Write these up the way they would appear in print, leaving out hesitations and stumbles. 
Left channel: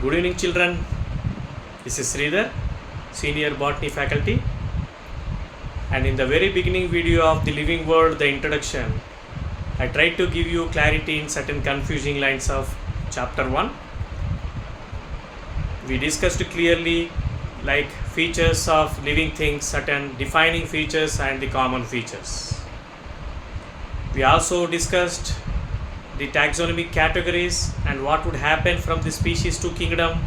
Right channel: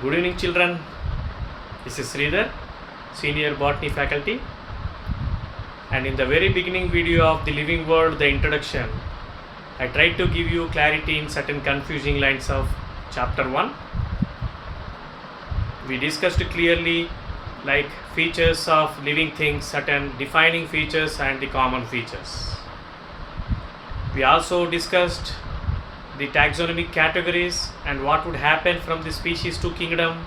Good evening, children. This is Sridhar, Senior Botany Faculty. And in the very beginning video of the Living World, the introduction, I tried to give you clarity in certain confusing lines of chapter 1. We discussed clearly like features of living things, certain defining features and the common features. We also discussed the taxonomic categories and what would happen from the species to kingdom,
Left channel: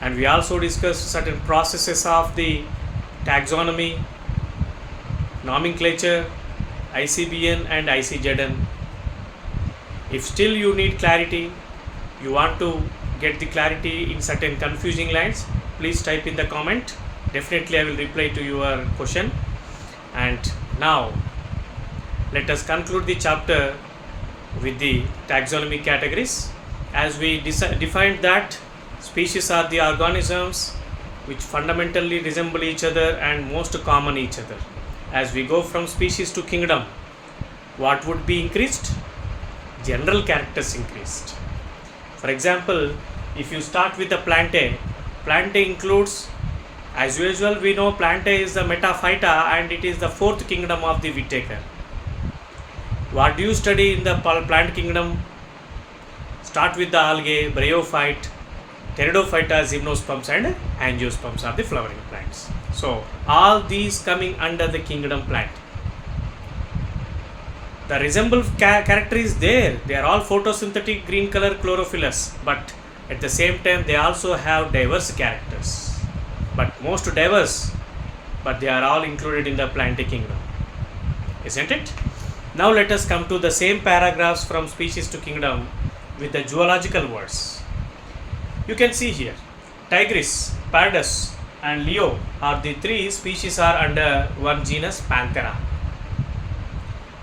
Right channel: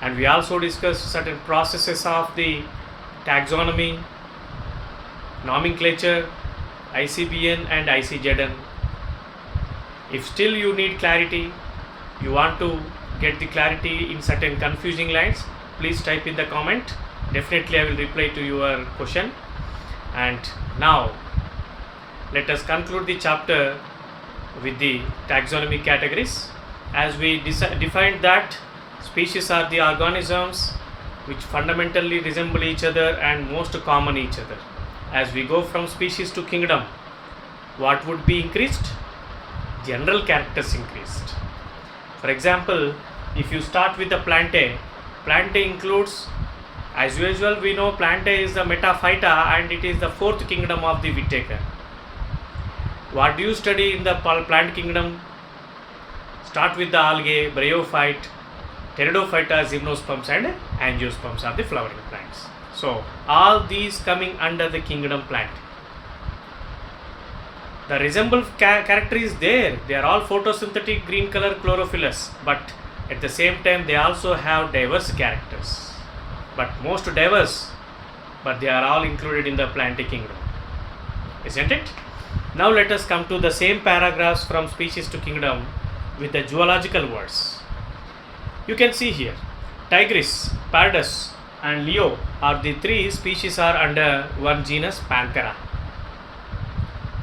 and we also discussed certain processes of the taxonomy, nomenclature, ICBN and ICZN. If still you need clarity, you want to get the clarity in certain confusing lines, please type in the comment. Definitely I will reply to your question. And now let us conclude the chapter with the taxonomic categories. As we defined that species are the organisms which fundamentally resemble each other and most common each other. As we go from species to kingdom, what would be increased? General characters increased. For example, if you start with the Plantae, Plantae includes, as usual we know Plantae is the metaphyta and it is the fourth kingdom of the Whittaker. What do you study in the plant kingdom? Start with the algae, bryophyte, pteridophyta, gymnosperms and angiosperms are the flowering plants. So all these coming under the kingdom plant. The resemble character is there. They are all photosynthetic green color chlorophyllous, but at the same time they also have diverse characters. But most diverse, but they are all included in the plant kingdom. Isn't it? Now let us come to the same paragraphs from species to kingdom with the zoological words. You can see here, Tigris, Pardus and Leo are the three species are under one genus Panthera.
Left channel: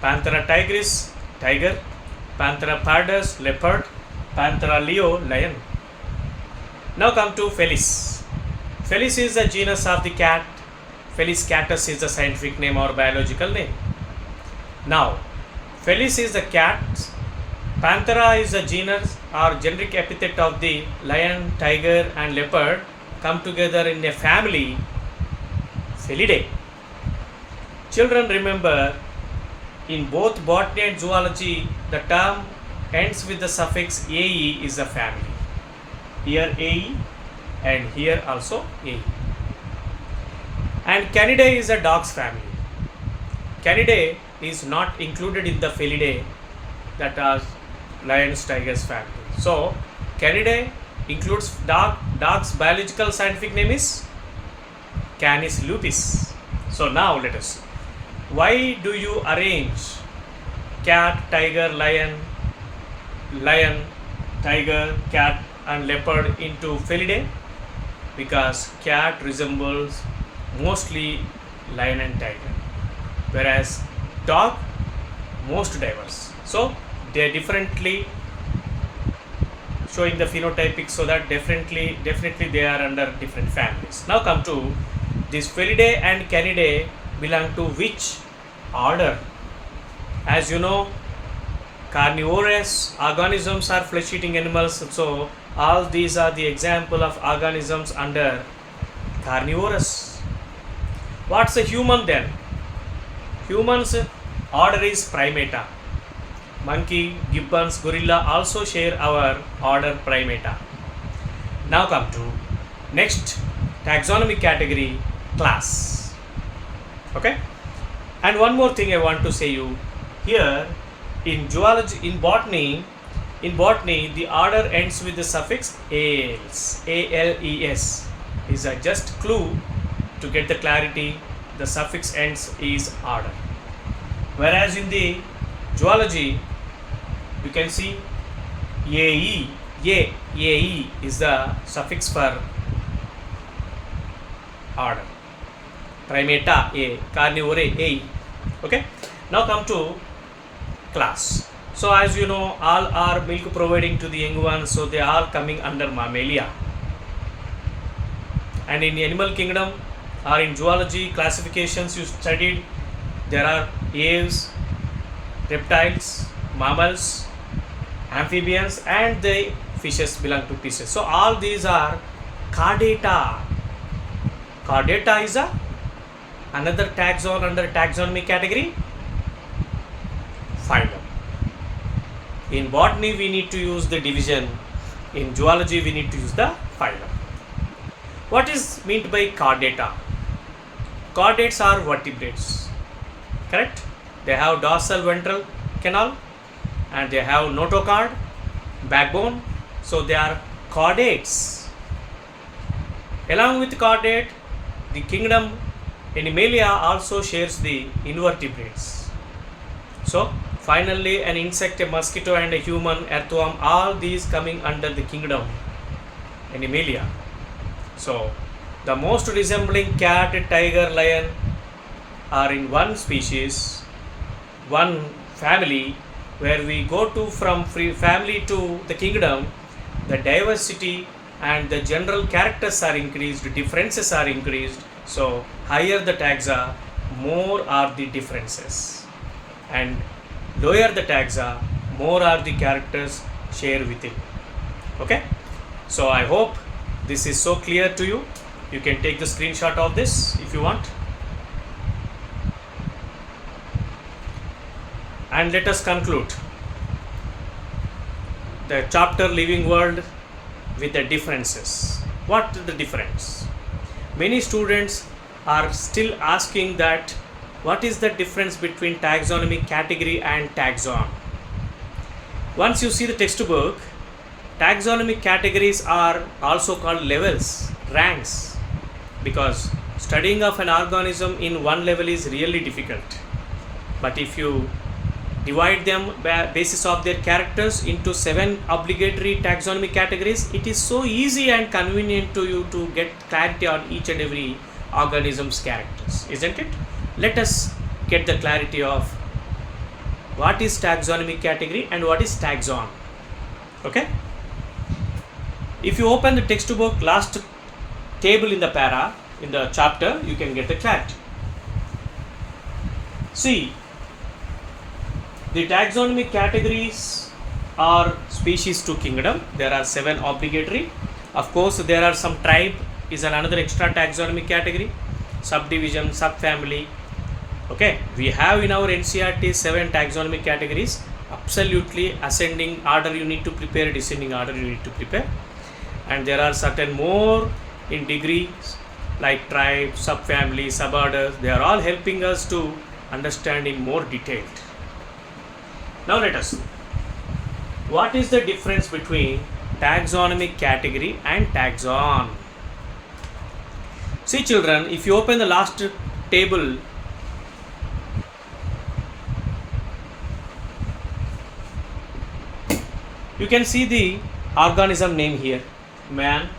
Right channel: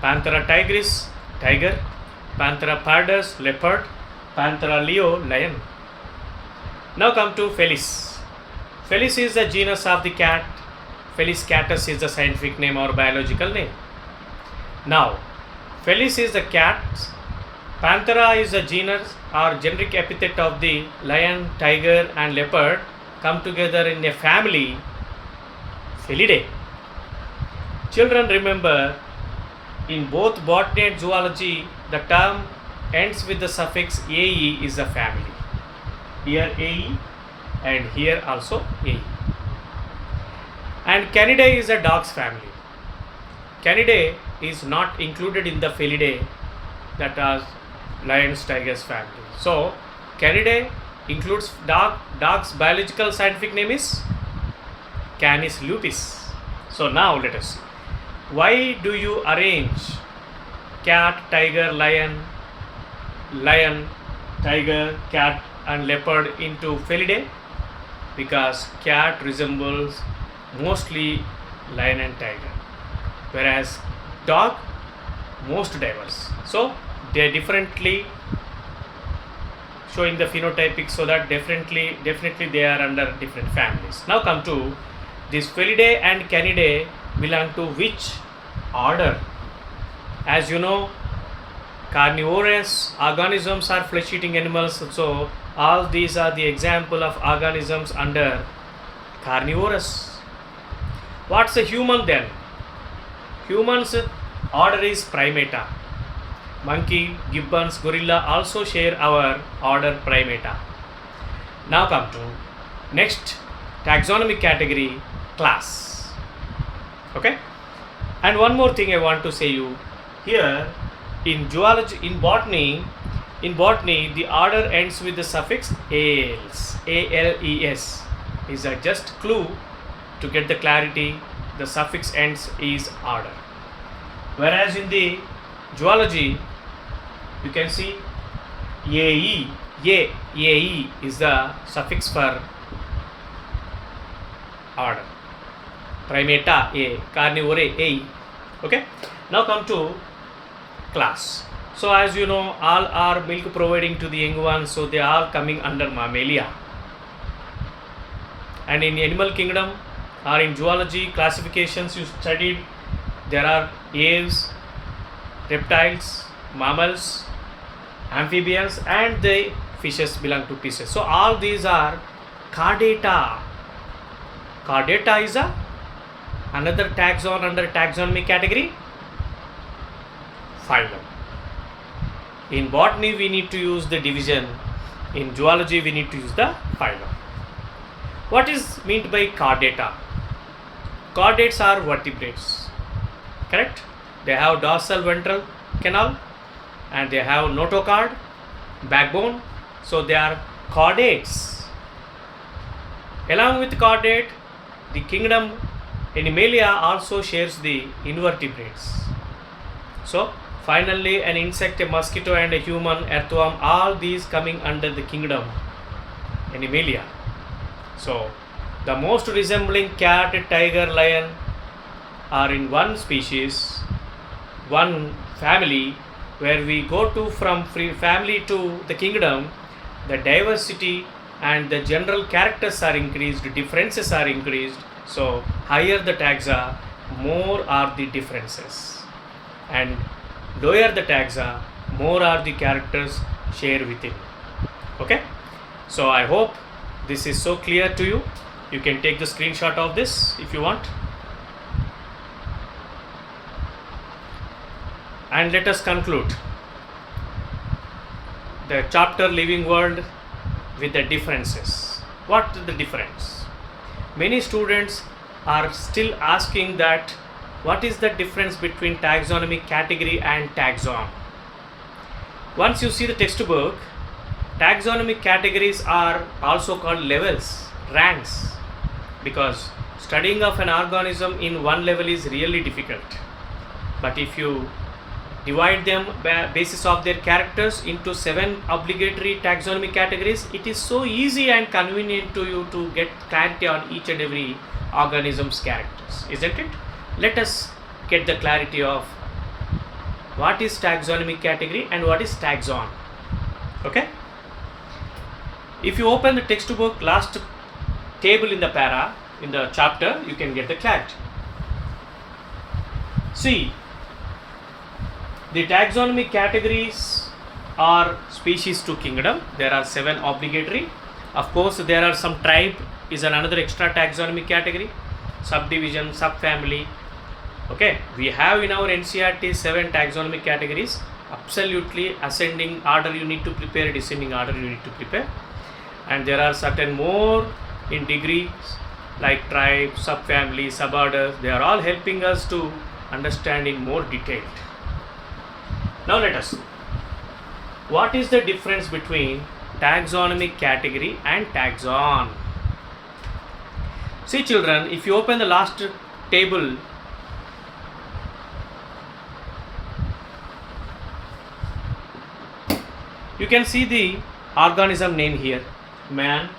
Panthera tigris, tiger, Panthera pardus, leopard, Panthera leo, lion. Now come to Felis. Felis is the genus of the cat. Felis catus is the scientific name or biological name. Now, Felis is the cat, Panthera is the genus or generic epithet of the lion, tiger and leopard come together in a family, Felidae. Children, remember, in both botany and zoology, the term ends with the suffix ae is a family. Here ae and here also ae. And Canidae is a dog's family. Canidae is not included in the Felidae, that are lions, tigers family. So Canidae includes dog's biological scientific name is Canis lupus. So now let us see. Why do you arrange cat, tiger, lion, tiger, cat and leopard into Felidae? Because cat resembles mostly lion and tiger, whereas dog most diverse. So they are differently showing the phenotypic, so that definitely they are under different families. Now come to this Felidae and Canidae belong to which order? As you know, carnivorous organisms are flesh-eating animals, so all these are the example of organisms under carnivorous. What's a human then? Humans order is Primata. Monkey, gibbons, gorilla also share our order Primata. Now come to next taxonomic category, class. Okay? And one more thing I want to say you here, in zoology, in botany the order ends with the suffix ales, ales is a just clue to get the clarity. The suffix ends is order, whereas in the zoology you can see ae is the suffix for order. Primata a, carnivore a. Okay. Now come to class. So as you know, all are milk providing to the young ones, so they are coming under Mammalia. And in animal kingdom or in zoology classifications you studied, there are aves, reptiles, mammals, amphibians and the fishes belong to fishes. So all these are chordata. Chordata is another taxon under taxonomy category, phylum. In botany we need to use the division, in zoology we need to use the phylum. What is meant by chordata? Chordates are vertebrates, correct? They have dorsal ventral canal and they have notochord, backbone, so they are chordates. Along with chordate, the kingdom Animalia also shares the invertebrates. So finally an insect, a mosquito and a human, earthworm, all these coming under the kingdom Animalia. So the most resembling cat, tiger, lion are in one species, one family. Where we go to from family to the kingdom, the diversity and the general characters are increased, differences are increased. So higher the taxa, more are the differences, and lower the taxa, more are the characters share within. Okay, so I hope this is so clear to you. You can take the screenshot of this if you want. And let us conclude the chapter Living World with the differences. What is the difference? Many students are still asking that what is the difference between taxonomy category and taxon. Once you see the textbook, taxonomy categories are also called levels, ranks, because studying of an organism in one level is really difficult. But if you divide them by basis of their characters into 7 obligatory taxonomy categories, it is so easy and convenient to you to get clarity on each and every organism's characters, isn't it? Let us get the clarity of what is taxonomy category and what is taxon. Okay, if you open the textbook last table in the para, in the chapter, you can get the clarity. See, the taxonomy categories are species to kingdom. There are 7 obligatory. Of course, there are some tribe is another extra taxonomy category, subdivision, subfamily. Okay, we have in our NCERT 7 taxonomy categories. Absolutely ascending order you need to prepare, descending order you need to prepare. And there are certain more in degrees like tribe, subfamily, suborder. They are all helping us to understand in more detail. Now let us see what is the difference between taxonomy category and taxon. See children, if you open the last table, you can see the organism name here: man,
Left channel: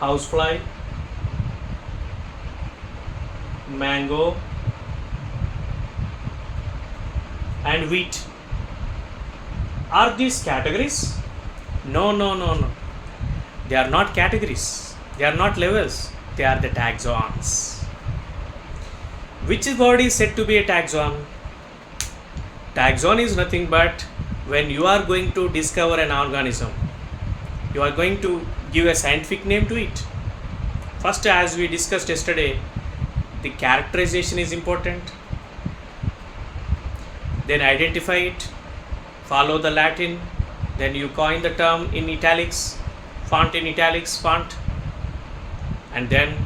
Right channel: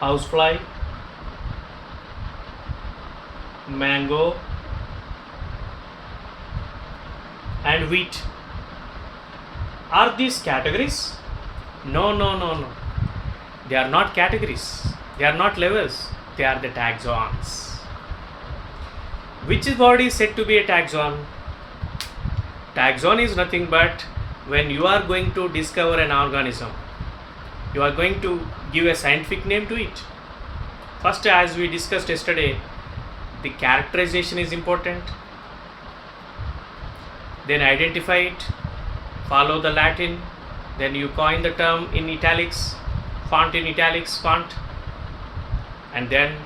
housefly, mango, and wheat. Are these categories? No. They are not categories. They are not levels. They are the taxons. Which word is said to be a taxon? Taxon is nothing but when you are going to discover an organism, you are going to give a scientific name to it. First, as we discussed yesterday, the characterization is important. Then identify it, follow the Latin, then you coin the term in italics, font in italics font, and then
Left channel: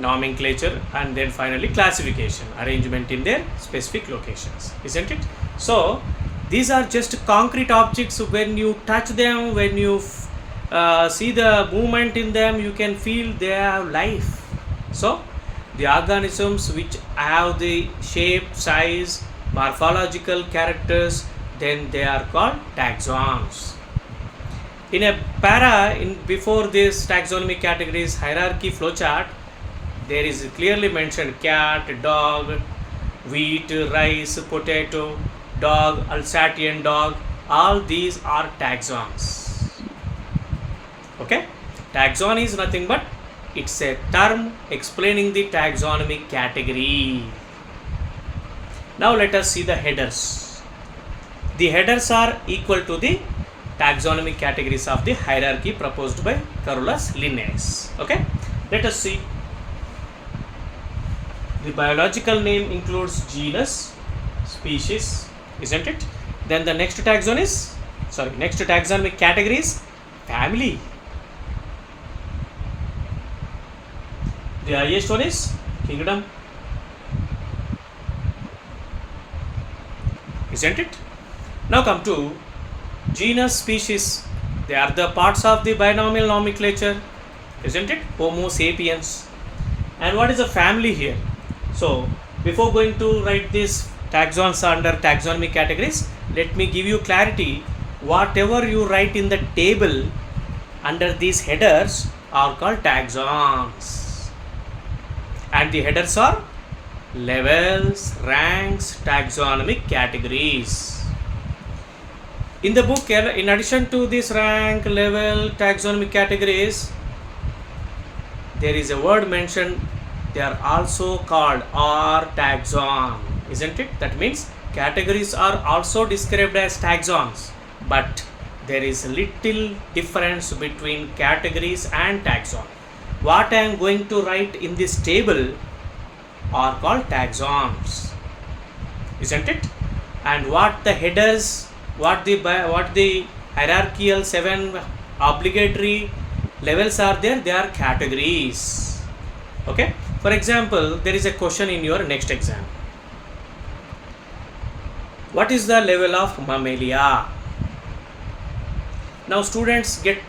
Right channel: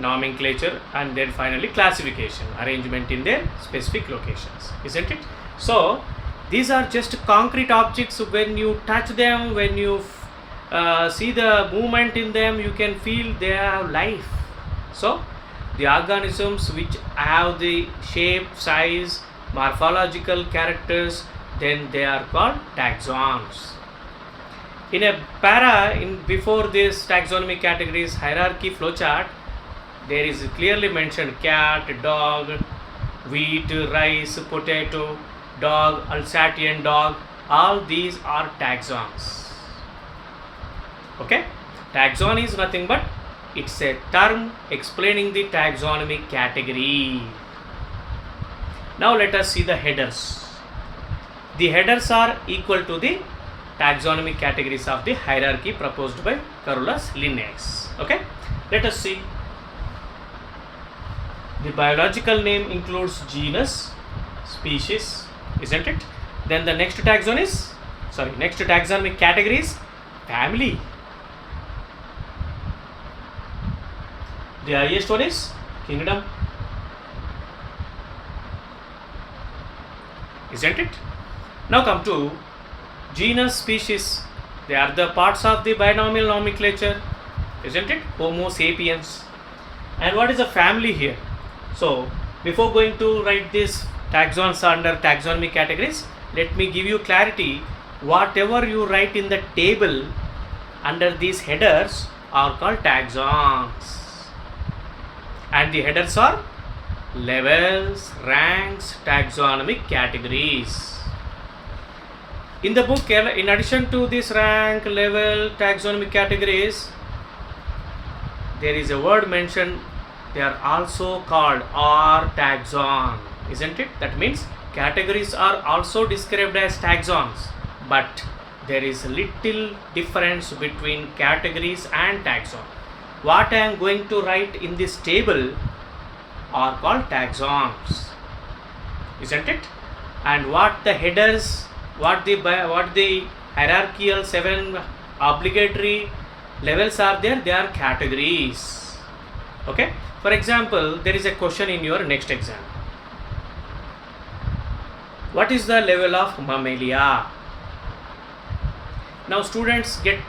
nomenclature, and then finally classification, arrangement in their specific locations, isn't it? So these are just concrete objects. When you touch them, when you see the movement in them, you can feel they have life. So the organisms which have the shape, size, morphological characters, then they are called taxons. In a para, before this taxonomy categories hierarchy flowchart, there is clearly mentioned cat, dog, wheat, rice, potato, dog, Alsatian dog. All these are taxons. Okay, taxon is nothing but it's a term explaining the taxonomy category. Now let us see the headers. The headers are equal to the taxonomic categories of the hierarchy proposed by Carolus Linnaeus. Okay, let us see. The biological name includes genus, species, isn't it? Then the next taxonomic category is family. The highest one is kingdom, isn't it? Now come to genus, species. They are the parts of the binomial nomenclature, isn't it? Homo sapiens. And what is a family here? So before going to write this taxons under taxonomic categories, let me give you clarity. Whatever you write in the table under these headers are called taxons. And the headers are levels, ranks, taxonomic categories. In the book, in addition to this rank, level, taxonomic categories, there is a word mentioned. They are also called R taxon, isn't it? That means categories are also described as taxons, but there is a little difference between categories and taxon. What I am going to write in this table are called taxons, isn't it? And what the headers, what the hierarchical 7 obligatory levels are there, they are categories. Okay. For example, there is a question in your next exam. What is the level of Mammalia? Now students get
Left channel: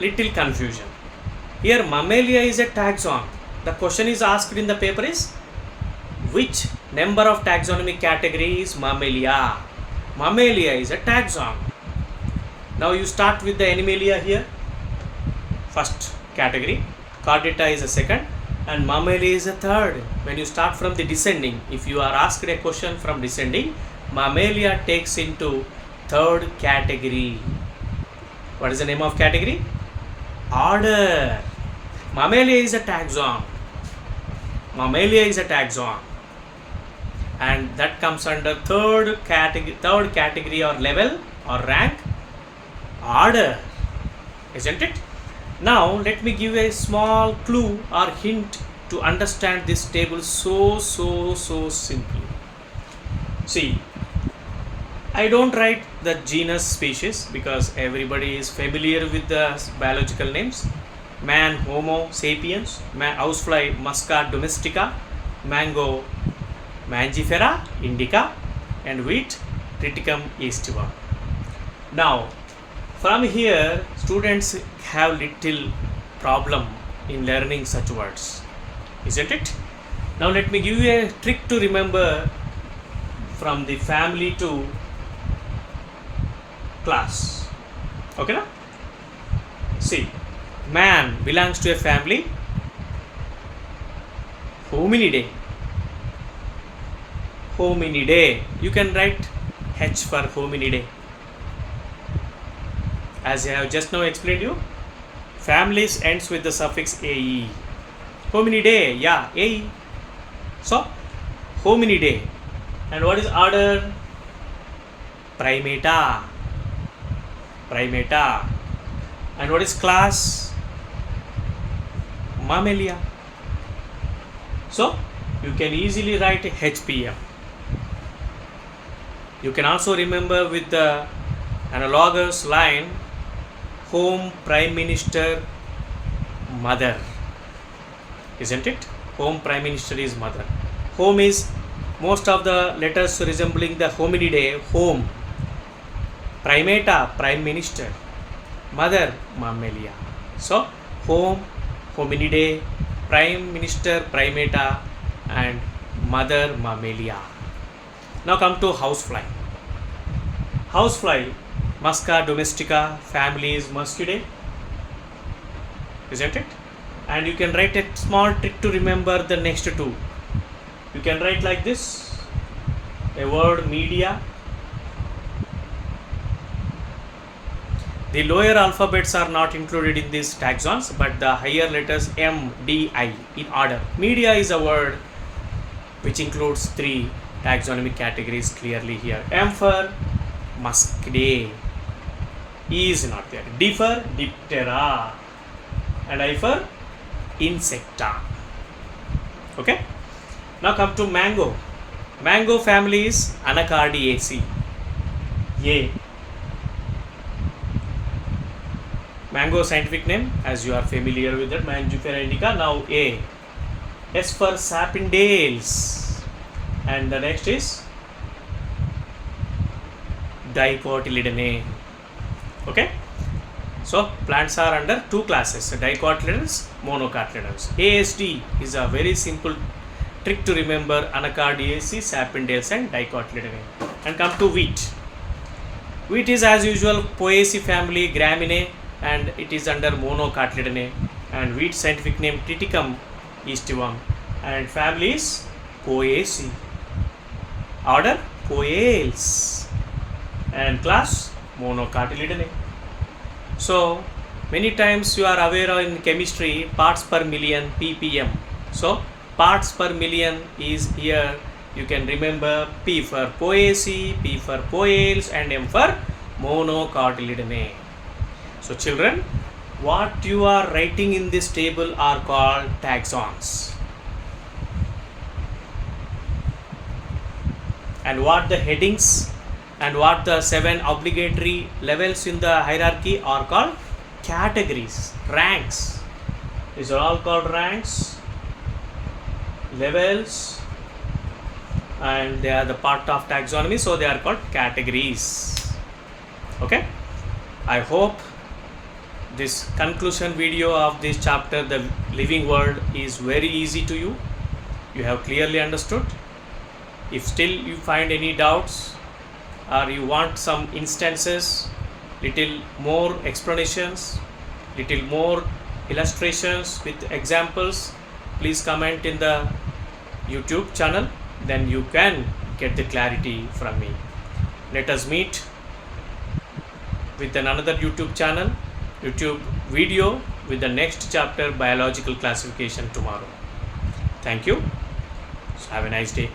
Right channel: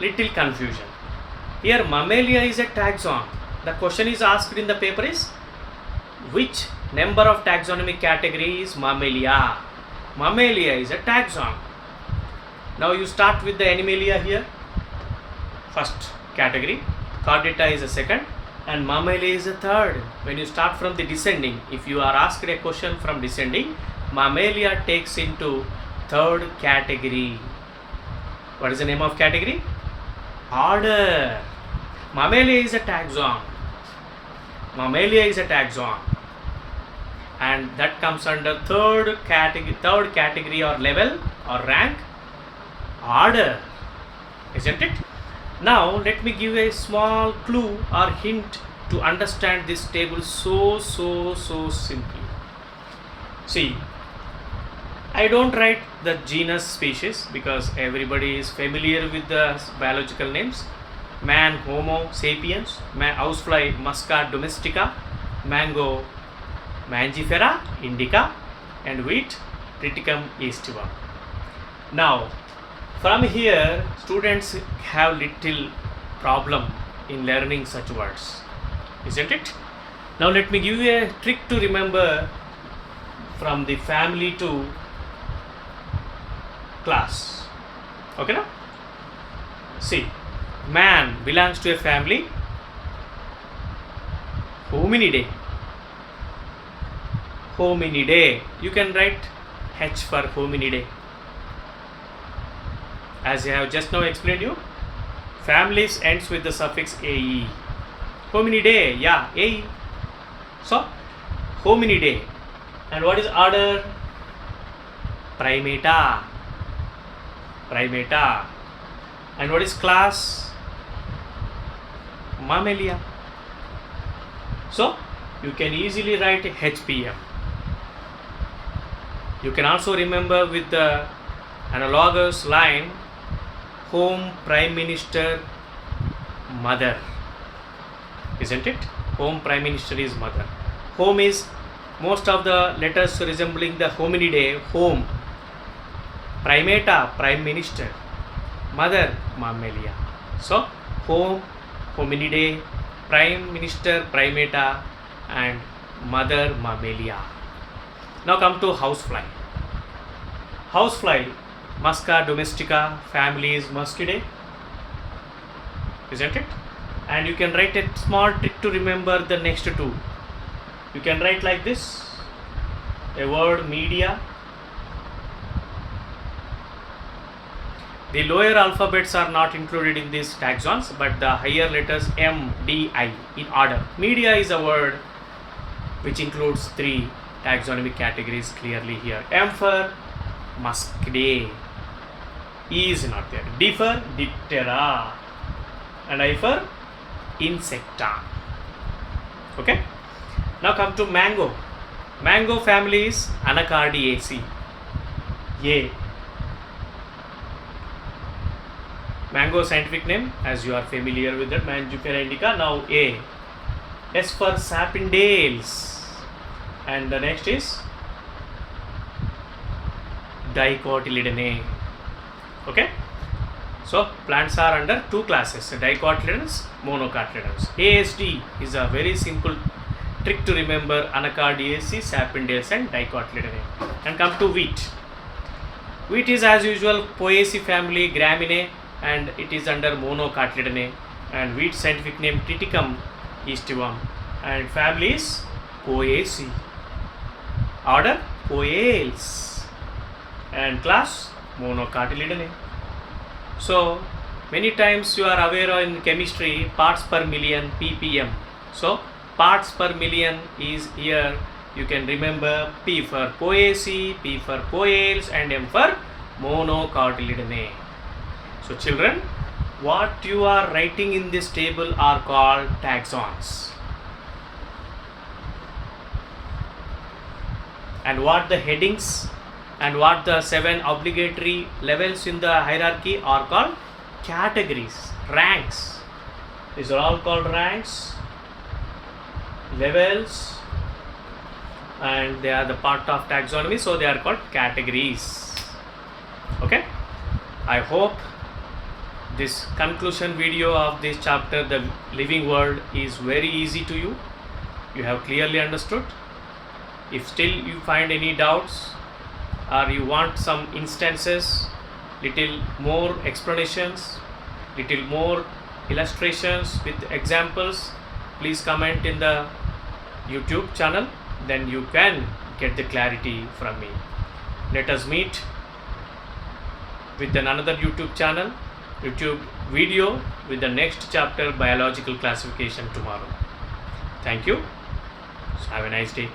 little confusion. Here Mammalia is a taxon. The question is asked in the paper is, which number of taxonomic category is Mammalia? Mammalia is a taxon. Now you start with the Animalia here. First category. Chordata is a second. And Mammalia is a third. When you start from the descending, if you are asked a question from descending, Mammalia takes into third category. What is the name of category? Order. Mammalia is a taxon. Mammalia is a taxon. And that comes under third category or level or rank, order, isn't it? Now let me give a small clue or hint to understand this table so simply. See, I don't write the genus, species, because everybody is familiar with the biological names. Man, Homo sapiens, housefly, Musca domestica, mango, Mangifera indica, and wheat, Triticum aestivum. Now from here students have little problem in learning such words, isn't it? Now let me give you a trick to remember from the family to class. Okay na? See, man belongs to a family Hominidae. Hominidae. You can write H for Hominidae. As I have just now explained you, families ends with the suffix ae. Hominidae, yeah, ae. So, Hominidae. And what is order? Primata. Primata. And what is class? Mammalia. So, you can easily write HPM. You can also remember with the analogous line, home, prime minister, mother, isn't it? Home, prime minister is mother. Home is most of the letters resembling the hominidae, home. Primata, prime minister. Mother, Mammalia. So, home, hominidae, prime minister, primata, and mother, Mammalia. Now come to housefly. Housefly, Musca domestica, family is Muscidae, isn't it? And you can write a small trick to remember the next two. You can write like this, a word media. The lower alphabets are not included in these taxons, but the higher letters M, D, I in order. Media is a word which includes 3 taxonomic categories clearly here. M for Muscidae. E is not there. D for Diptera. And I for Insecta. Okay. Now come to mango. Mango family is Anacardiaceae. A. Mango scientific name, as you are familiar with that, Mangifera indica. Now A. S for Sapindales. And the next is Dicotyledonea. Okay. So plants are under two classes, dicotyledons, monocotyledons. ASD is a very simple trick to remember: Anacardiaceae, Sapindales and Dicotyledonea. And come to wheat. Wheat is as usual Poaceae family, Graminae, and it is under monocotyledonea. And wheat scientific name Triticum aestivum, and family is Poaceae. Order Poales, and class monocotyledonea. So many times you are aware in chemistry parts per million, ppm. So parts per million is here. You can remember P for Poaceae, P for Poales, and M for monocotyledonea. So children, what you are writing in this table are called taxons. And what the headings and what the 7 obligatory levels in the hierarchy are called categories, ranks. These are all called ranks, levels, and they are the part of taxonomy, so they are called categories. Okay, I hope this conclusion video of this chapter, the living world, is very easy to you. You have clearly understood. If still you find any doubts or you want some instances, little more explanations, little more illustrations with examples, please comment in the YouTube channel, then you can get the clarity from me. Let us meet with another YouTube channel, YouTube video with the next chapter, biological classification, tomorrow. Thank you. Have a nice day.